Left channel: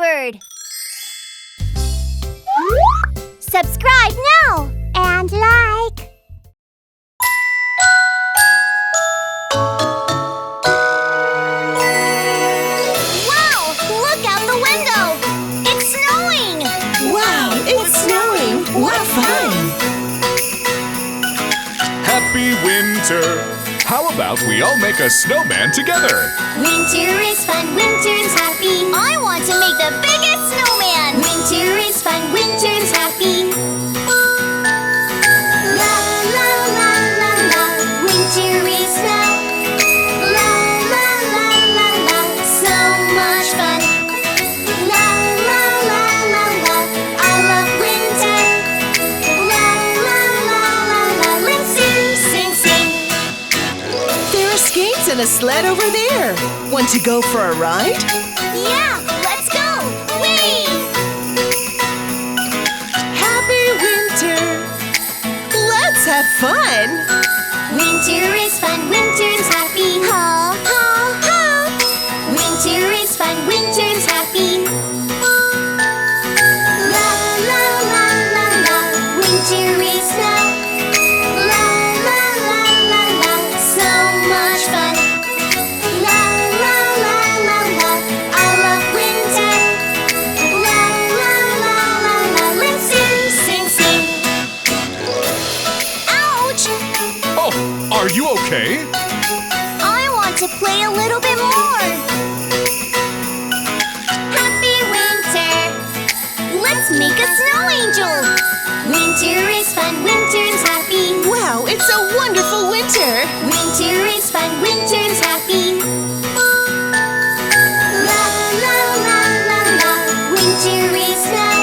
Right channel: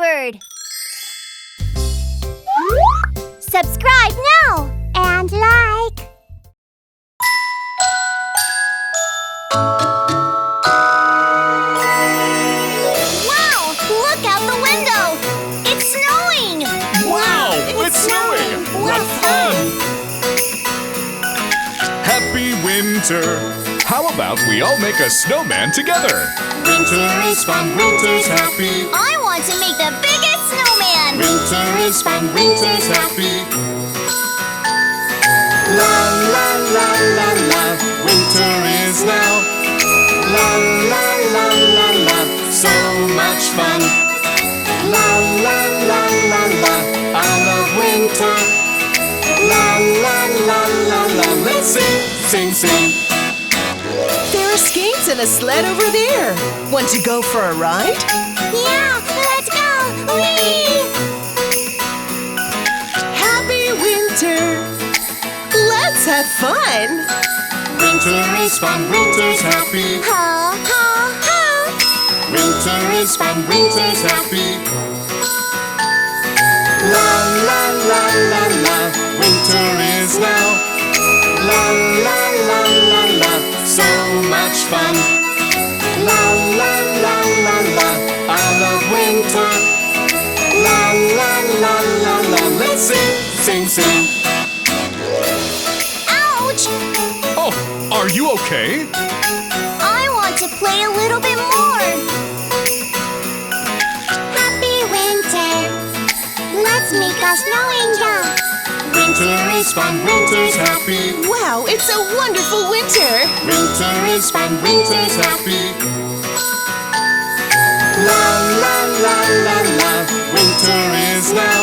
OwlyBird. Subscribe now and like. Wow! Look out the window! It's snowing! Wow! It's snowing! What fun! Happy winter! How about we all make a snowman together? Winter is fun, winter's happy. I want to make the biggest snowman! Winter is fun, winter's happy. La-la-la-la-la, winter is now. La-la-lala-la, so much fun. La-la-la-la-la, I love winter. La-la-la-la-la, let's sing, sing, sing. There are skates and a sled over there. Want to go for a ride? Yeah, let's go! Whee! Happy winter! Let's have fun! Winter is fun, winter's happy. Ha, ha, ha! Winter is fun, winter's happy. La, la, la, la, la, winter is now. La, la, la, la, la, so much fun. La, la, la, la, la, I love winter. La, la, la, la, la, let's sing, sing, sing. Ouch! Oh, are you okay? I want to play a little bit more. Happy winter. Let's make a snow angel. Winter is fun, winter's happy. Wow, it's a wonderful winter! Winter is fun, winter's happy. La la la la la, winter is now.